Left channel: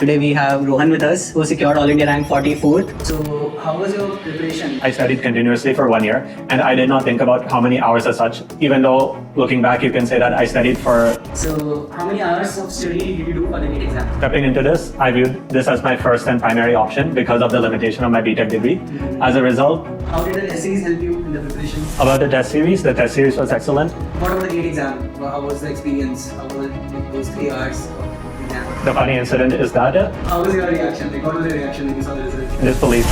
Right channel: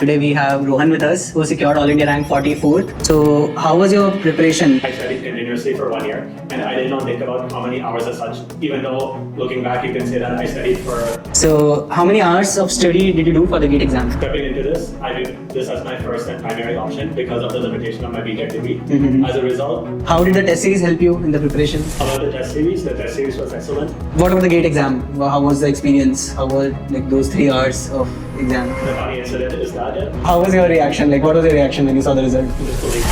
Today we have Rohan with us, who secured All India rank 44th. So, how was your preparation? I studied continuously for 1 year, and I did not think about how many hours as such, even though looking back, you can say that I studied for. So, how many hours of study did you do for the GATE exam? Stepping into this, I viewed this as my first and primary option because of the limitation of my Biotech degree. As a result, how did the test series help you in the preparation? About the test series was excellent. What about the GATE exam? How was the experience? How were those 3 hours of exam? The funny incident is that how was your reaction? What was your reaction when you saw the result? Disbelief.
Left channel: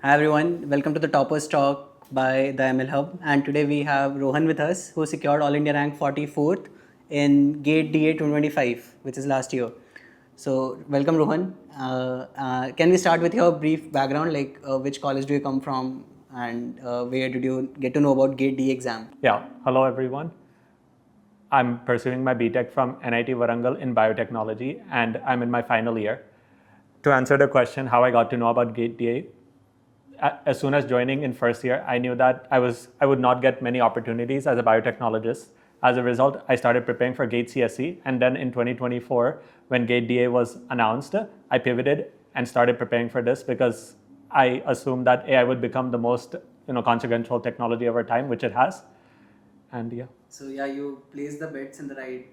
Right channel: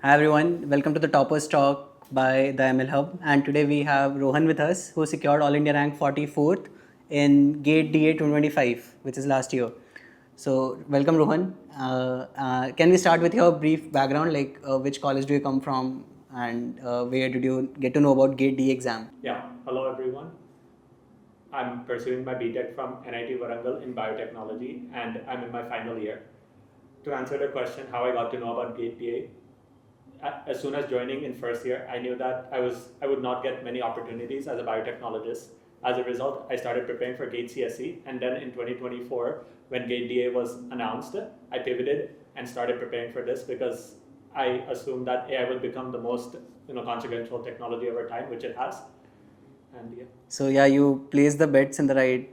Hi everyone, welcome to the Toppers Talk by the ML Hub, and today we have Rohan with us, who secured All India rank 44th in GATE DA 2025, which is last year. So welcome Rohan. Can we start with your brief background, which college do you come from and where did you get to know about GATE DA exam? Yeah, hello everyone. I'm pursuing my BTech from NIT Warangal in biotechnology, and I'm in my final year. To answer the question how I got to know about GATE DA, as soon as joining in first year, I knew that I would not get many opportunities as a biotechnologist. As a result, I started preparing for GATE CSE, and then in 2024, when GATE DA was announced, I pivoted and started preparing for this because I assumed that AI would become the most consequential technology of our time, which it has. And yeah. So yeah, you placed the bets in the right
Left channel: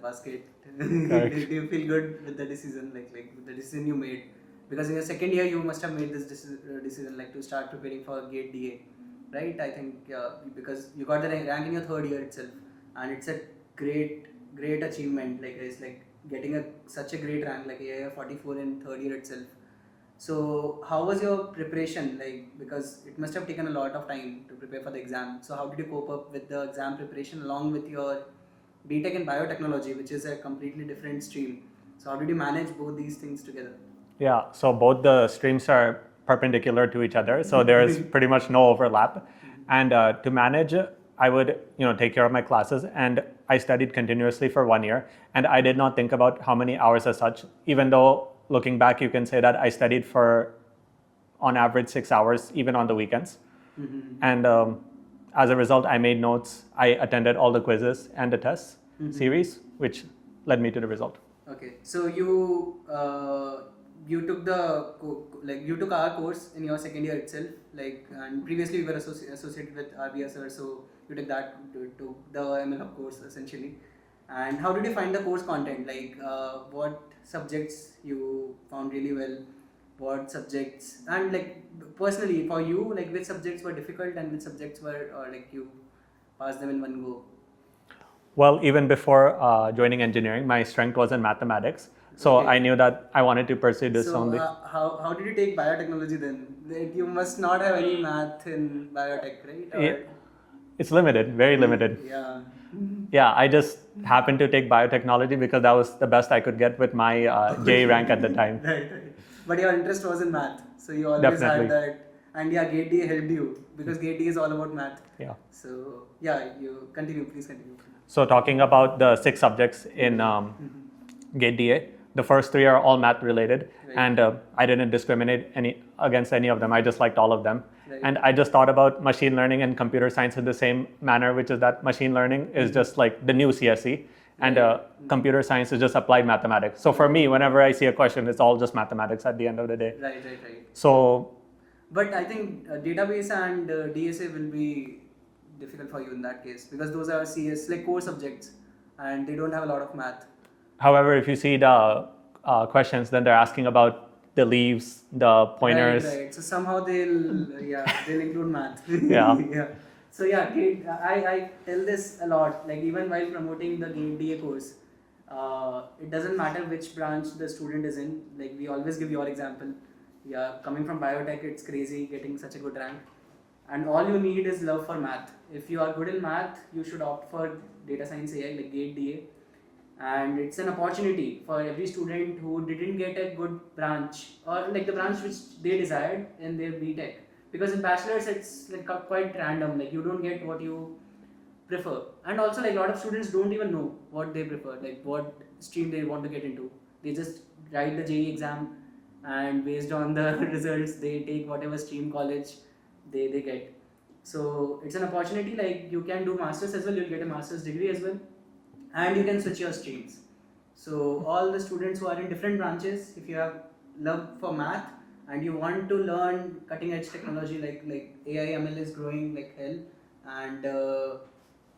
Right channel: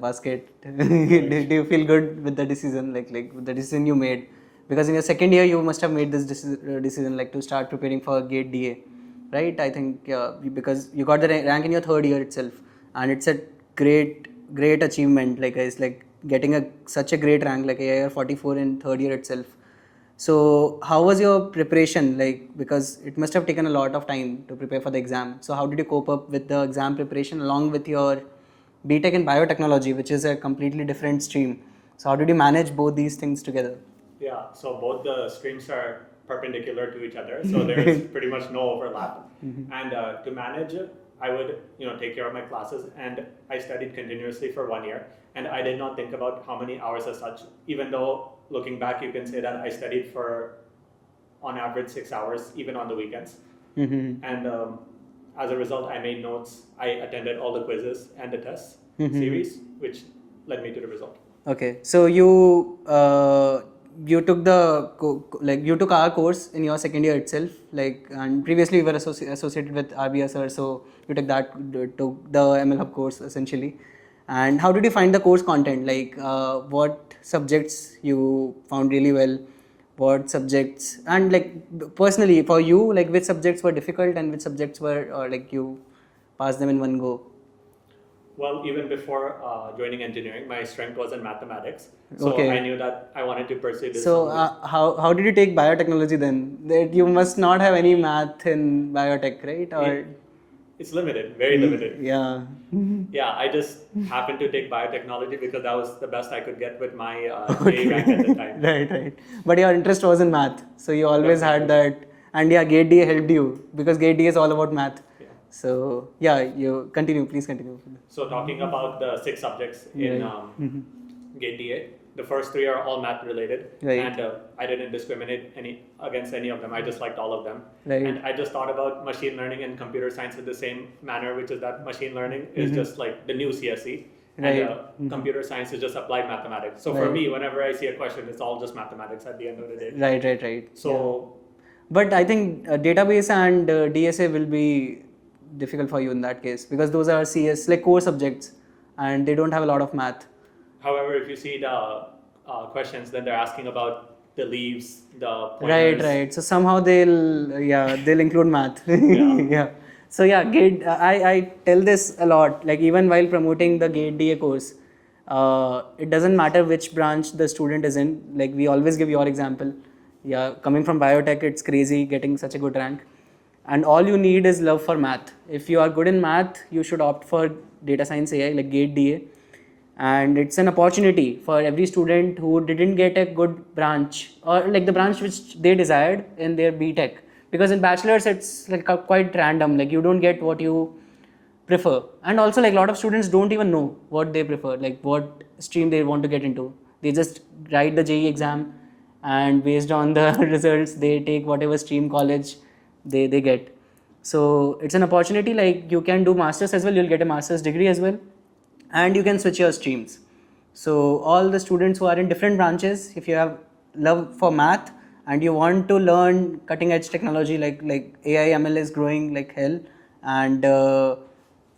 basket. Do you feel good with the decision, like with the decision you made? Because in your second year, you must have made this decision to start preparing for GATE DA, right? I think because you got the rank in your third year itself, and it's a great achievement. It's like getting such a great rank, like AIR 44 in third year itself. So how was your preparation? Because it must have taken a lot of time to prepare for the exam. So how did you cope up with the exam preparation along with your BTech in biotechnology, which is a completely different stream? So how did you manage both these things together? Yeah, so both the streams are perpendicular to each other, so there is pretty much no overlap. And to manage, I would take care of my classes, and I studied continuously for 1 year, and I did not think about how many hours as such, even though looking back, you can say that I studied for, on average, 6 hours, even on the weekends. And as a result, I made notes. I attended all the quizzes and the tests series, which led me to the result. Okay, so you took you took our course in your second year itself, and previously you were associated with RBSR, so you took the ML Hub course essentially. And how did you find the course content? What subjects you found really well? What subjects, and personally for you, which subjects were difficult and which subjects were you passed them in one go? Well, even before joining engineering, my strength was in mathematics. So Okay. I knew that I wanted to pursue this. So how did you take biotechnology then? You must not have any math in biotech, right? It's limited, very limited. Yeah. Yeah, I just happened to take biotechnology because that was the best I could get with my JE rank at the time. Right. But your interest was in math, so you always had that. And yeah, GATE DA helped you because GATE DA is all about math. Yeah. So yeah, please continue. So talking about the 6 subjects in GATE DA, the first 3 are all math related, and I didn't discriminate against any of them. I just liked all of them. And I just thought about machine learning and computer science in the same manner, which is that machine learning is just like the new CSE, and computer science is just applied mathematics. So for me, whenever I see a question, it's all just mathematics at the end of the day. Right. So, but I think database and DSA will be difficult for you in that case because those are CS core subjects, and they don't have a lot of math. However, if you see the questions, then they're asking about the leaves, the pointers. Right. So somehow they'll include math. Yeah. So yeah, GATE. I tell this a lot. Even while promoting the GATE DA course, it doesn't matter which branch the student is in. We always give your example. Yeah, coming from biotech, it's crazy getting such a good rank, and all you need is love for math. If you are good in math, you should opt for data science AI like GATE DA. And it's an opportunity for every student who didn't get a good branch or the branch which they desired in their BTech. Because in bachelor's, it's quite random. You don't get what you prefer. And also a lot of students don't even know what they prefer, what stream they want to get into. They just write the JEE exam, and based on the results, they take whatever stream college they get. So it's an opportunity. You can do masters as well. You'll get a master's degree as well. and you can switch your streams. So all the students who are in different branches, if you have love for math and you want to learn cutting edge technology like AI ML is growing like hell, and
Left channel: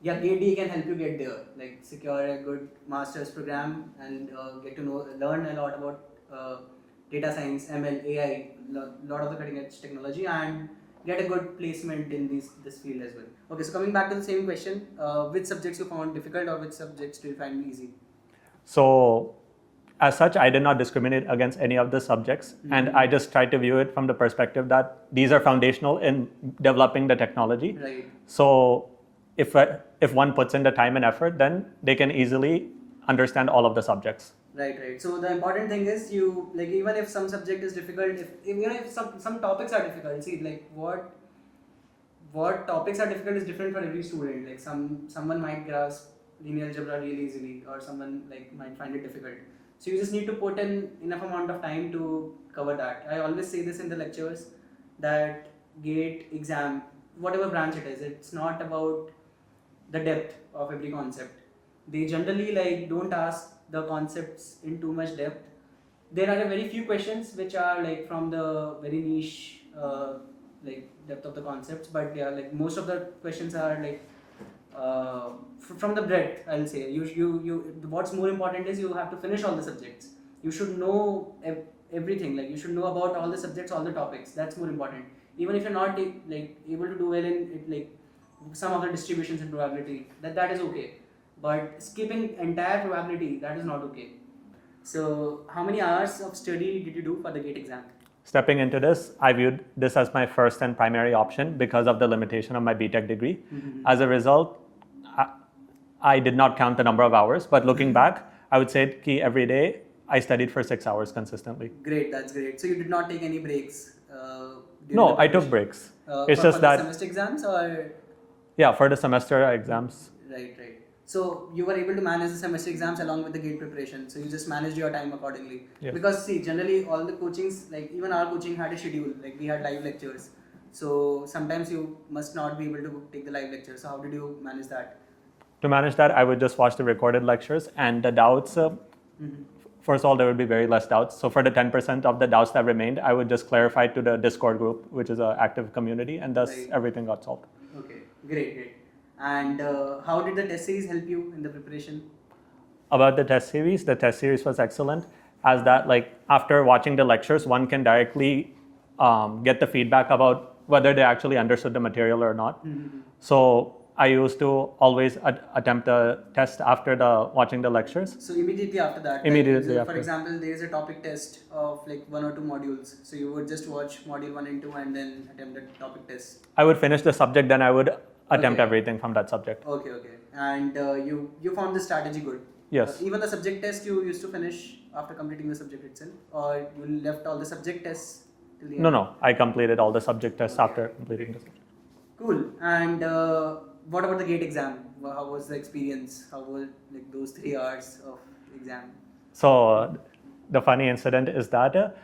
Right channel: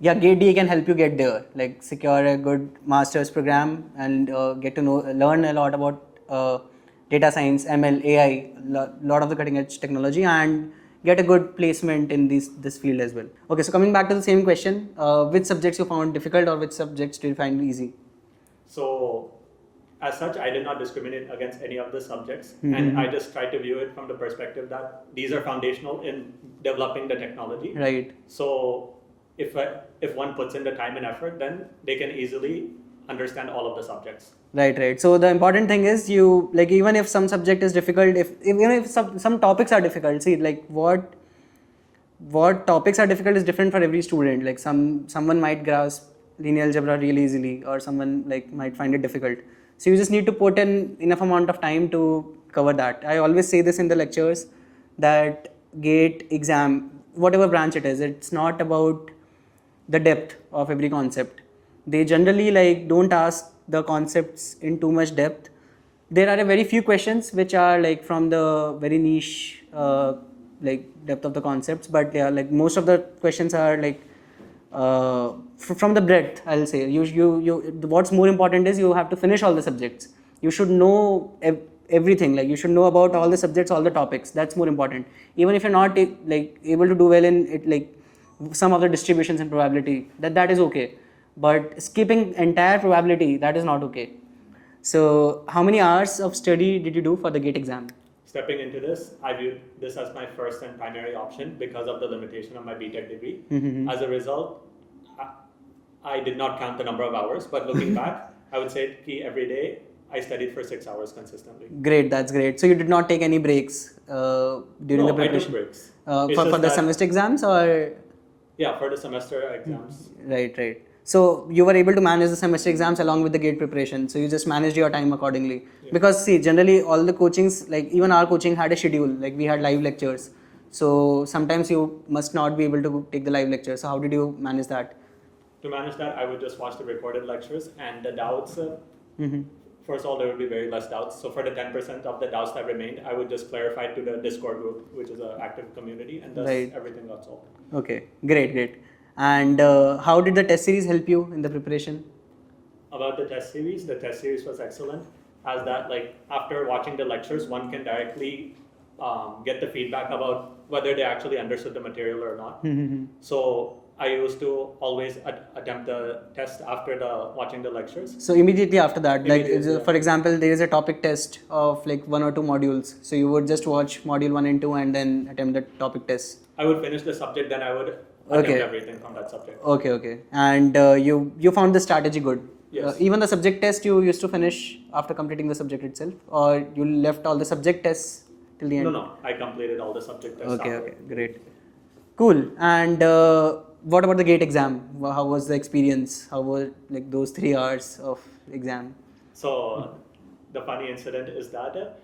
yeah, GATE DA can help you get there, like secure a good master's program and get to learn a lot about data science, ML, AI, lot of the cutting edge technology, and get a good placement in this field as well. Okay, so coming back to the same question, which subjects you found difficult or which subjects do you find easy? So, as such, I did not discriminate against any of the subjects, and I just tried to view it from the perspective that these are foundational in developing the technology. Right. So, if one puts in the time and effort, then they can easily understand all of the subjects. Right. So the important thing is you, like, even if some subject is difficult, even if some topics are difficult, see, like what topics are difficult is different for every student. Like someone might grasp linear algebra really easily, or someone like might find it difficult. So you just need to put in enough amount of time to cover that. I always say this in the lectures that GATE exam, whatever branch it is, it's not about the depth of every concept. They generally like don't ask the concepts in too much depth. There are a very few questions which are like from the very niche like depth of the concepts, but yeah, like most of the questions are like from the breadth, I'll say. What's more important is you have to finish all the subjects. You should know everything. Like you should know about all the subjects, all the topics. That's more important. Even if you're not like able to do well in it, like some of the distributions and probability, that is okay. But skipping entire probability, that is not okay. So how many hours of study did you do for the GATE exam? Stepping into this, I viewed this as my first and primary option because of the limitation of my BTech degree. As a result, I did not count the number of hours, but looking back, I would say every day I studied for 6 hours consistently. Great, that's great. So you did not take any breaks during the preparation? I took breaks. For the semester exams or? Yeah, for the semester exams. Right. So you were able to manage the semester exams along with the GATE preparation. So you just managed your time accordingly. Yeah. Because see, generally all the coachings, like even our coaching had a schedule, like we had live lectures. So sometimes you must not be able to take the live lectures. So how did you manage that? To manage that, I would just watch the recorded lectures, and the doubts, first of all, there would be very less doubts. So for the 10% of the doubts that remained, I would just clarify to the Discord group, which is an active community, and thus everything got solved. Okay, great. And how did the test series help you in the preparation? About the test series was excellent, as that like after watching the lectures, one can directly get the feedback about whether they actually understood the material or not. So I used to always attempt the test after watching the lectures. So immediately after that, for example, there is a topic test of like 1 or 2 modules. So you would just watch module 1 and 2 and then attempt the topic test. I would finish the subject, then I would attempt everything from that subject. Okay. And you found the strategy good? Yes. Even the subject test you used to finish after completing the subject itself, or you left all the subject tests till the end? No. I completed all the subject tests after. Okay, great. Cool. And what about the GATE exam? How was the experience? How were like those 3 hours of exam? So the funny incident is that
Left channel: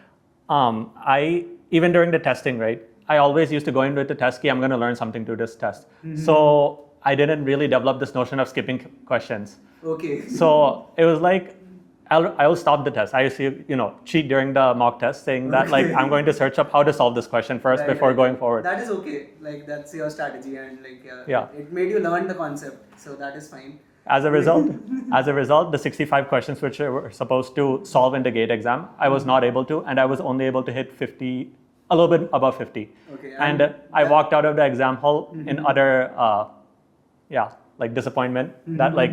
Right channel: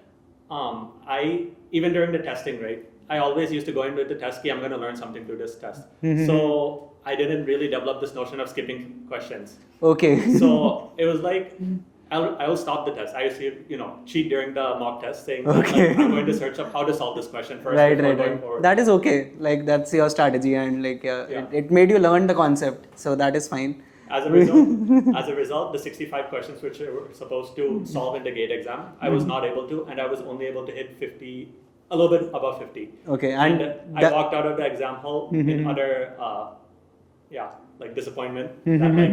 I, even during the testing, right, I always used to go in with the test key, I'm going to learn something through this test. So I didn't really develop this notion of skipping questions. Okay. So it was like, I will stop the test. I used to, cheat during the mock test, saying that like I'm going to search up how to solve this question first before going forward. That is okay. Like that's your strategy, and like it made you learn the concept, so that is fine. As a result, the 65 questions which I were supposed to solve in the GATE exam, I was not able to, and I was only able to hit 50, a little bit above 50. Okay. And I walked out of the exam hall in utter, like disappointment that like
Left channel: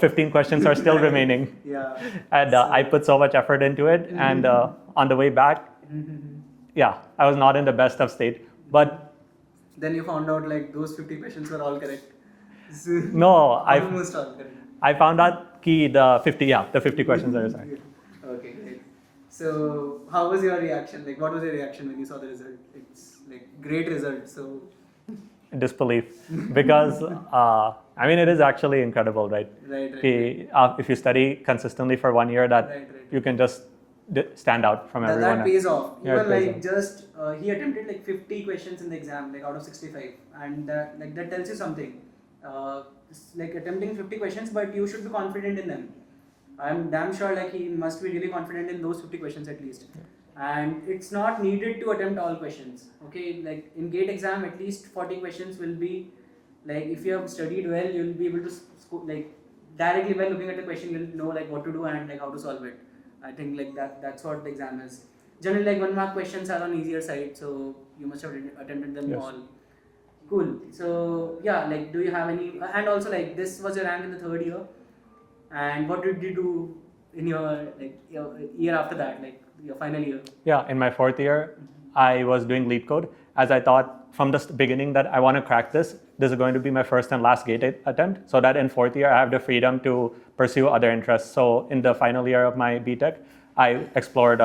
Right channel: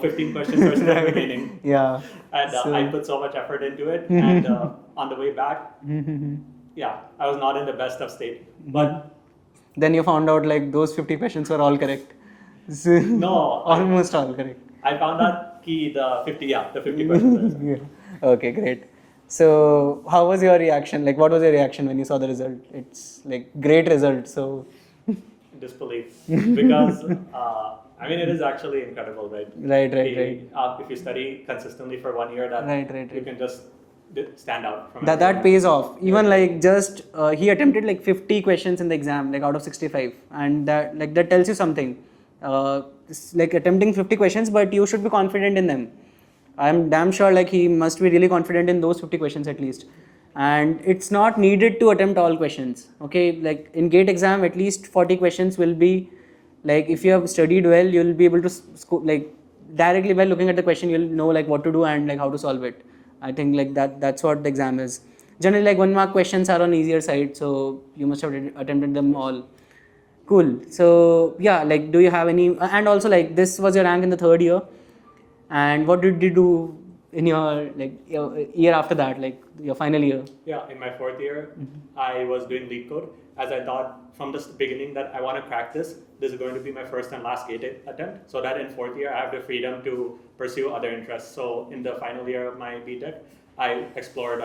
15 questions are still remaining. Yeah. And I put so much effort into it, and on the way back, I was not in the best of state. But then you found out like those 50 questions were all correct. No, almost all correct. I found out the 50 questions are correct. Okay, great. So how was your reaction? Like what was your reaction when you saw the result? It's like great result. So disbelief, because it is actually incredible, right? Right. If you study consistently for 1 year, you can just stand out from everyone. That pays off. Even like just he attempted like 50 questions in the exam, like out of 65, and that tells you something. like attempting 50 questions, but you should be confident in them. I'm damn sure like he must be really confident in those 50 questions at least. And it's not needed to attempt all questions. Okay, like in GATE exam, at least 40 questions will be like, if you have studied well, you'll be able to like directly by looking at the question, you'll know like what to do and like how to solve it. I think like that's what the exam is. Generally, like 1 mark questions are on easier side, so you must have attempted them all. Cool. So yeah, like do you have any, and also like this was your rank in the 3rd year, and what did you do in your like your year after that, like your final year? Yeah, in my 4th year, I was doing lead code, as I thought from the beginning that I want to crack this. This is going to be my first and last GATE attempt, so that in 4th year I have the freedom to pursue other interests. So in the final year of my BTech, I explored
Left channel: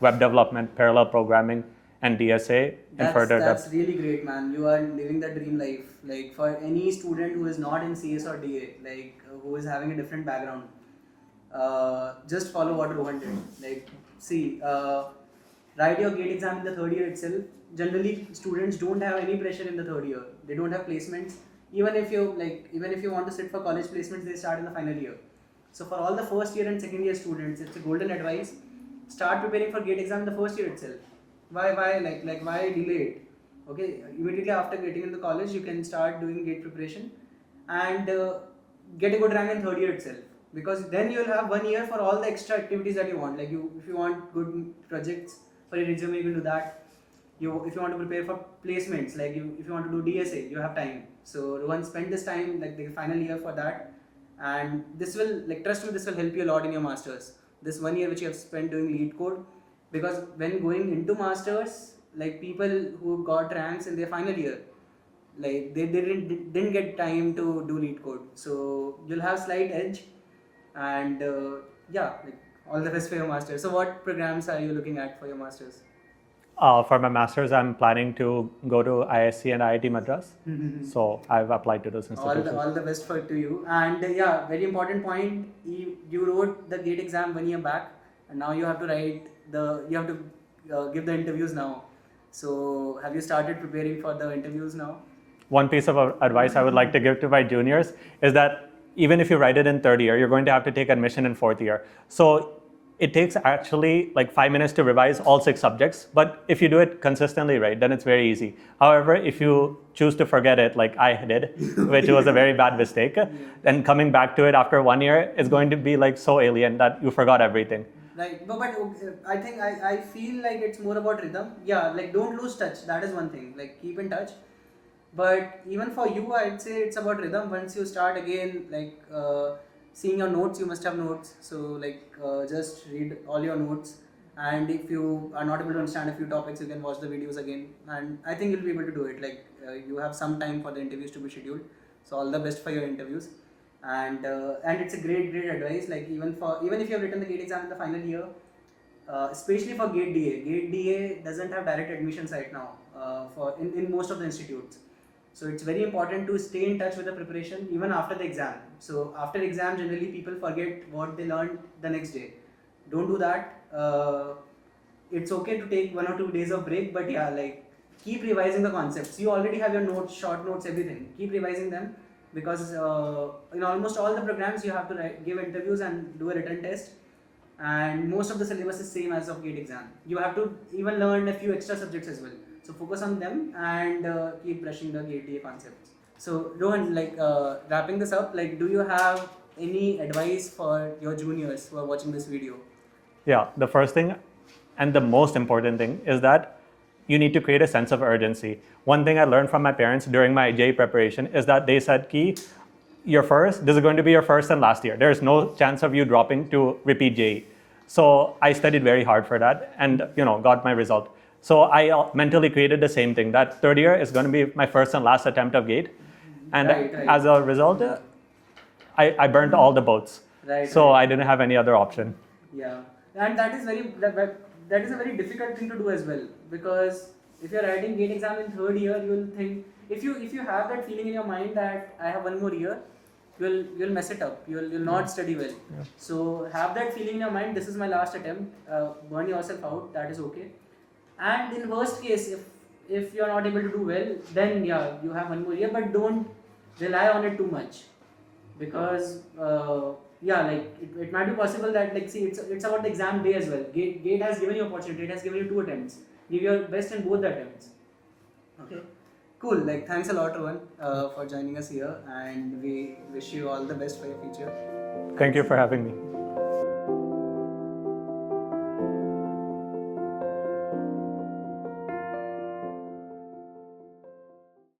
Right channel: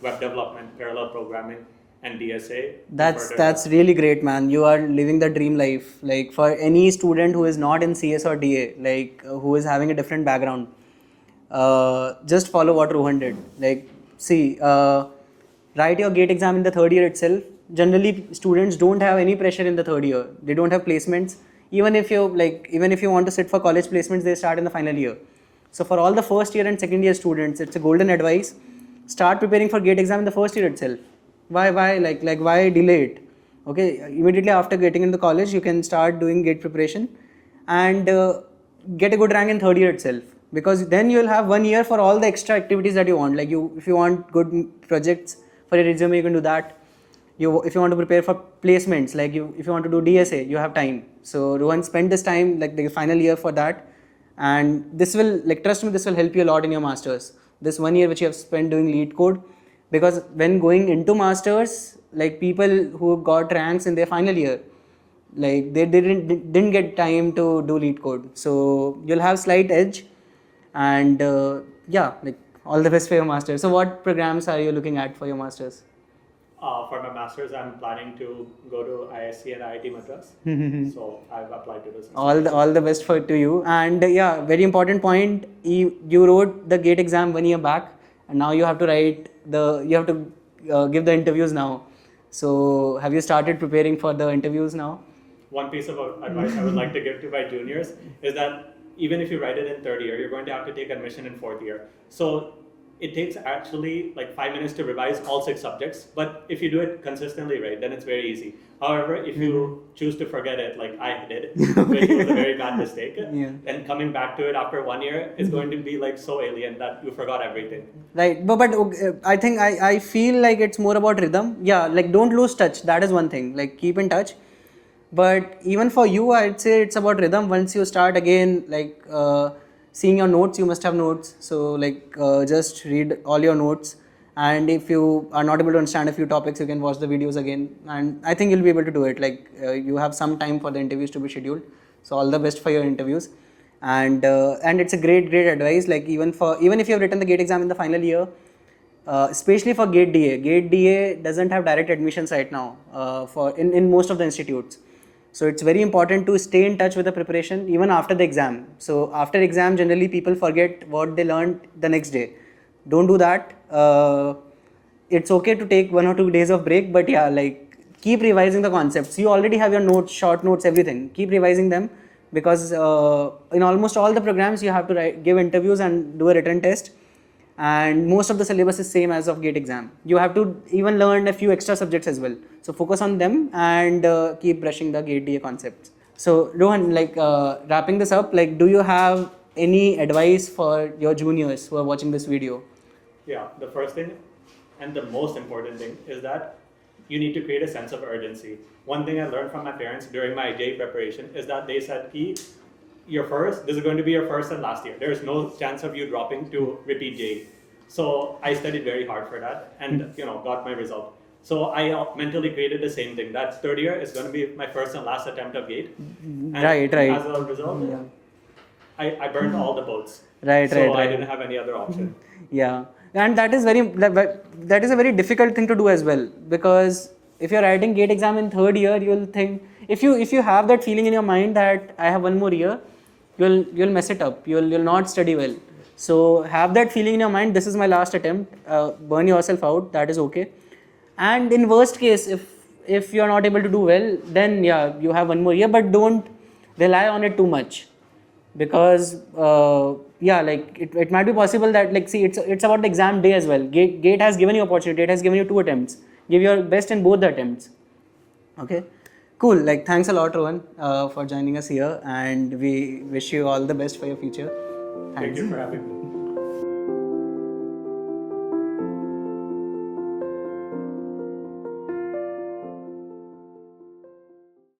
web development, parallel programming, and DSA. That's really great, man. You are living the dream life. Like for any student who is not in CS or DA, like who is having a different background, just follow what Rohan did. Like, see, write your GATE exam in the 3rd year itself. Generally, students don't have any pressure in the 3rd year. They don't have placements. Even if you want to sit for college placements, they start in the final year. So for all the 1st year and 2nd year students, it's a golden advice. Start preparing for GATE exam in the 1st year itself. Why why delay it? Okay, immediately after getting into college, you can start doing GATE preparation and get a good rank in 3rd year itself. Because then you'll have 1 year for all the extra activities that you want. Like if you want good projects for your resume, you can do that. If you want to prepare for placements, like if you want to do DSA, you have time. So Rohan spent this time, like the final year, for that, and this will, like, trust me, this will help you a lot in your masters. This 1 year which you have spent doing lead code, because when going into masters, like people who got ranks in their final year, like they didn't get time to do lead code, so you'll have slight edge, and yeah, like all the best for your masters. So what programs are you looking at for your masters? For my master's, I'm planning to go to ISC and IIT Madras. So I've applied to those institutions. All the best to you. And yeah, very important point. You wrote the GATE exam 1 year back, and now you have to give the interviews now. So have you started preparing for the interviews now? One piece of advice I would like to give to my juniors is that even if you write it in 3rd year, you're going to have to take admission in 4th year. So it takes actually like 5 minutes to revise all 6 subjects, but if you do it consistently, right, then it's very easy. However, if you choose to forget it, like I did, which was a very bad mistake, then coming back to it after 1 year is going to be like so alien that you forgot everything. Right, but I think I feel like it's more about rhythm. Yeah, like don't lose touch. That is one thing. Like keep in touch. But even for you, I'd say it's about rhythm. Once you start again, like seeing your notes, you must have notes. So like just read all your notes. And if you are not able to understand a few topics, you can watch the videos again. And I think you'll be able to do it. Like you have some time for the interviews to be scheduled. So all the best for your interviews. And it's a great advice. Like even if you have written the GATE exam in the final year, especially for GATE DA. GATE DA doesn't have direct admissions right now in most of the institutes. So it's very important to stay in touch with the preparation even after the exam. So after exam, generally people forget what they learned the next day. Don't do that. It's okay to take 1 or 2 days of break, but yeah, like keep revising the concepts. You already have your notes, short notes, everything. Keep revising them, because in almost all the programs you have to give interviews and do a written test. And most of the syllabus is same as of GATE exam. You have to even learn a few extra subjects as well. So focus on them and keep brushing the GATE DA concepts. So Rohan, like wrapping this up, like do you have any advice for your juniors who are watching this video? Yeah, the first thing and the most important thing is that you need to create a sense of urgency. One thing I learned from my parents during my JEE preparation is that they said, this is going to be your first and last year. There's no chance of you dropping to repeat JEE. So I studied very hard for that and got my result. So I mentally created the same thing. That 3rd year is going to be my first and last attempt of GATE. And as a result, I burned all the boats. I didn't have any other option. Yeah. And that is a very difficult thing to do as well, because if you're writing GATE exam in 3rd year, you'll think, if you have that feeling in your mind that I have 1 more year, you'll mess it up. You'll not study well. So have that feeling in your mind. This is my last attempt. Burn yourself out. That is okay. And in worst case, if you're not able to do well, then yeah, you have 1 more year. But don't rely on it too much. because like it might be possible that, like, see, it's about the exam day as well. Gate has given you opportunity. It has given you 2 attempts. Give your best in both the attempts. Okay, cool. Like, thanks a lot, Rohan, for joining us here, and we wish you all the best for your future. Thank you for having me.